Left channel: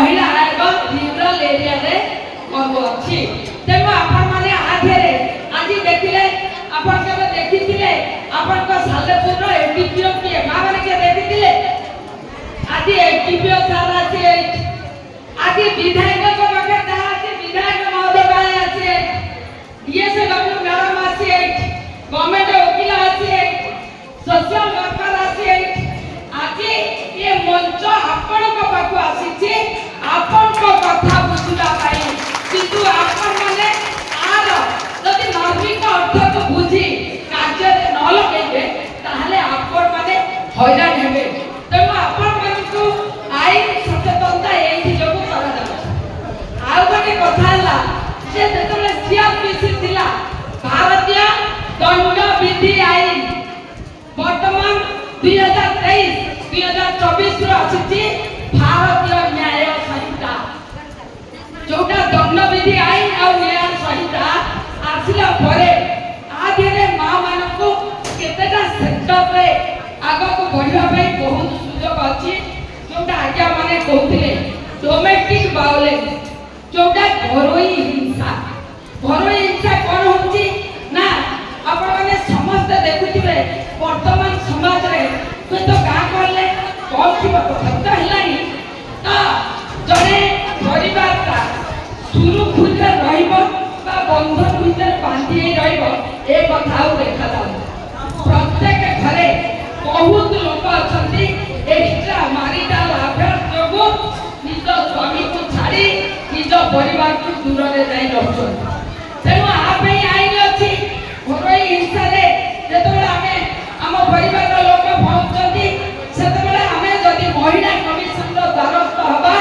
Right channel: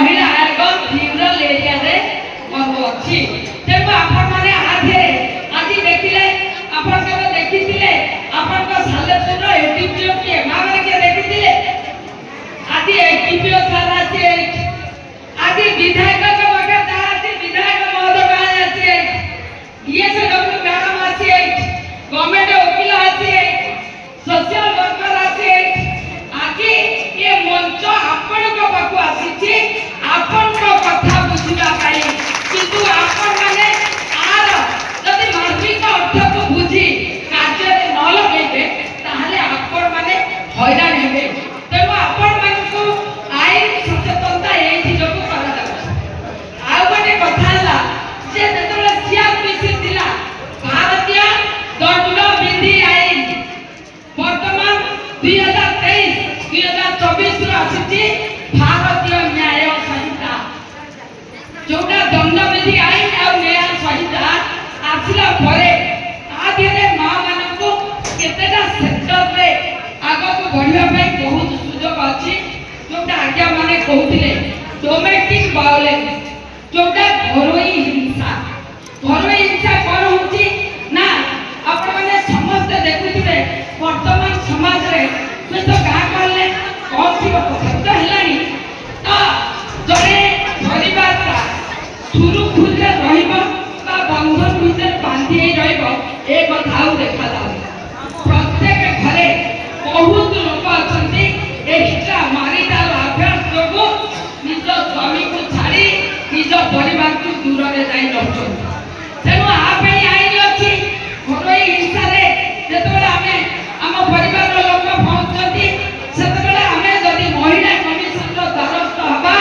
महिला आयोग rural area रे अच्छी तेणु आपने आधे आज देखिले आप देखी आप सालेपुर एटीपीओ किए माँ मैंने किए देखी आज एटीपीओ सार अच्छे आज विधायक विधायक महोदय अच्छे डीएसडब्ल्यू मैडम अच्छे गवर्नमेंट वकील अच्छे सोशल वर्कर अच्छे आज ये मंच आपण पाखु आसी आपण कथा बुझा किंतु आपण माने आर जदि मार्मिक अर्थ को बुझी कार्य न लगे ताहले आपण माने हैरान हेबे तेणु आपण मानकु आईन सचेतनता एथि जो करा आ गोटे कथा हला जे जेतले सीआरपीसी थिला भारतीय दंड विधि आईन वर्तमान 2023 2024 रो अछि भारतीय न्याय संहिता जोटा दंड विधि आईन और न्याय संहिता आसिला परे आधेरे मां मानको केतेटा सेक्टर रे आगो को बढ़िया पे बहुत सुयोग अछि जोटा आज्ञा माने कहउथिले डोमेस्टिक वायलेंस जोटा घरोई हिंसा कोन होची ना आपण माने समस्त देखुथिबे वर्तमान समाज रे तो गां करले कोन थिबो कथा हेलानी तो जने परिवार का सुरुखुरे रहिबो बा बंधन भीतर बांधी रहिबो ए कथा देखा जाय प्रत्येक घरे बहुत लोक अछंती एक्स्ट्रा मैरिटल अफेयर जोगो निज स्वामी को छाड़ी निज परिवार को दूर रे जाई रहछन तेनु आपे आईन अछि घरोई हिंसा रे जेतबेला हमें हम परिवार रो लोक पहुंचती सेतबेला हमें जदी महिला कमिशन रो द्वारस्थ हबा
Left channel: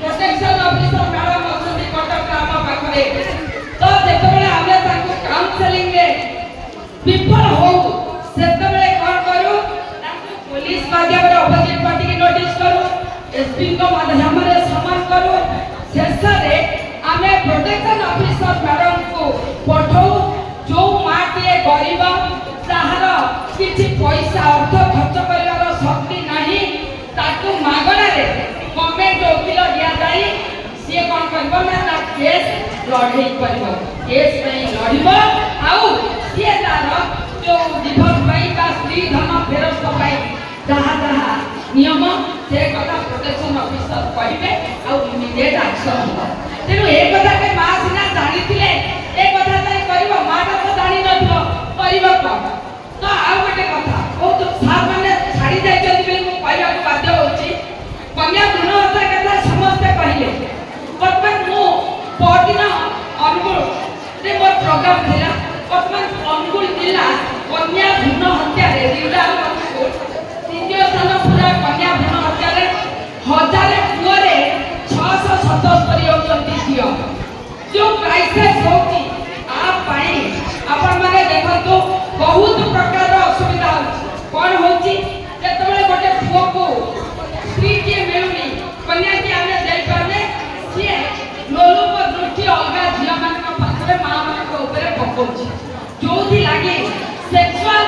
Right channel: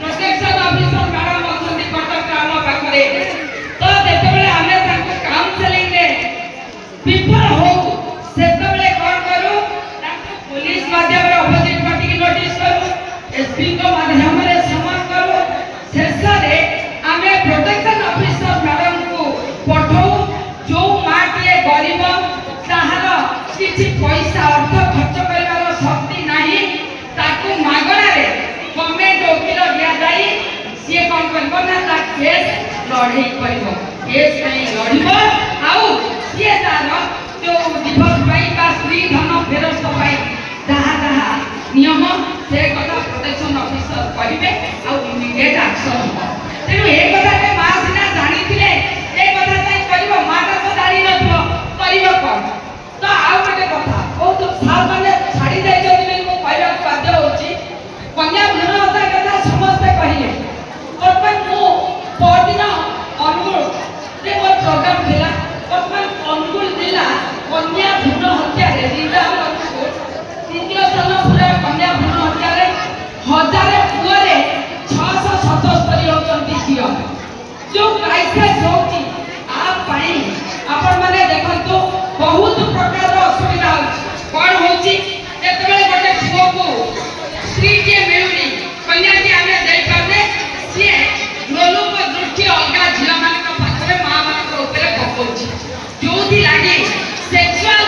प्रोटेक्शन ऑफिसर मैडम अछंती कटक ग्राम पाखरे तो जेतबेला हमें ताको काउंसलिंग रे विफल हो सेतबेले कोन करू ताको पुलिस माध्यम रे अपोजिट पार्टी की नोटिस करू एसपी को माध्यम रे समान करू शेष रे हमें प्रोटेक्शन ऑफिसर मैडम को पठाऊ जो माटिए गरीब ताहार किछि पैसा अर्थ खर्च करबार शक्ति नाही ताकू मागणा रे गवर्नमेंट वकील दिया जाई से कोन करबो ना ता केस लड़े करबो केस नहीं लड़िबो आउ से तार जो डिवोर्स पाई बा स्त्री धन फेरस्त पाई जहा नियम से कथा प्रोटेक्शन ऑफिसर कहिबे आउ इमीडिएट एक्शन हो तेनु ए कथा के मां सिना जानि थिले ए कथा ताई करिवो मां तो जानि नथिबो करिवो कोन तो आउ गोटे कथा ओ तो सार माने छाड़ी जाय जदि मो कहया बाध्य होची कन्या भ्रूण हत्या कथा समस्त कहिले वर्तमान मो पदिन अनुगुल रे मोर प्रोग्राम थिला वर्तमान अनुगुल जिला कन्या भ्रूण हत्या रे जिला तृतीय सन पूरा कन्या भ्रूण हत्या रे हजारे पुरे 677 होचंती झियो जो क्राइसिस होची आप पाई आपण माने देखंतु बहुत प्रकार असुविधा होची कोन होची जेतबेले गोटे पुओ को स्त्री जे मिलुनी कन्या जे हमें देई पाने से लोलुक दृष्टि अलगा झियो माने को पाखरे मां माने को ऊपर पकोची जोथि लागे सेक्सुअल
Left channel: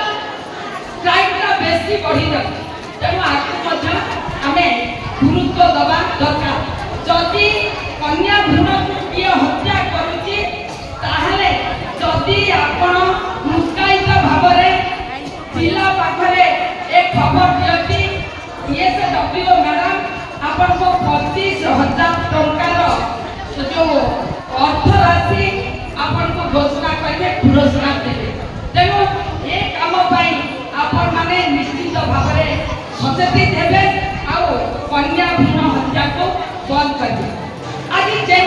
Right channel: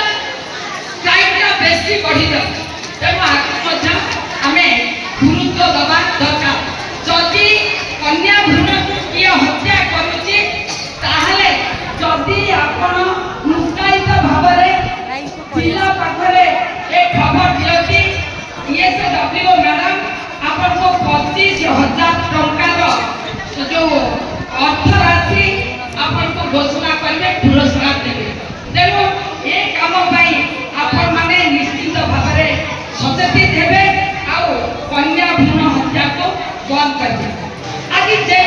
क्राइम का बेसी बढ़ी जाय तेनु आकु मध्य हमें गुरुत्व दबा दरकार जदि कन्या भ्रूण किए हत्या करुची ताहले जदि आपण मुस्कायित भावरे जिला पाखरे एक खबर दियती डीएसडब्ल्यू मैडम आपण को 25,000 टंकार जो अर्थ राशि आपण को घोषणा करबे पुरस्कार देबे तेनु ए काम पाई आपण माने निश्चित भावरे सचेतित हेबे आउ कन्या भ्रूण हत्या को बंद करबे आज जे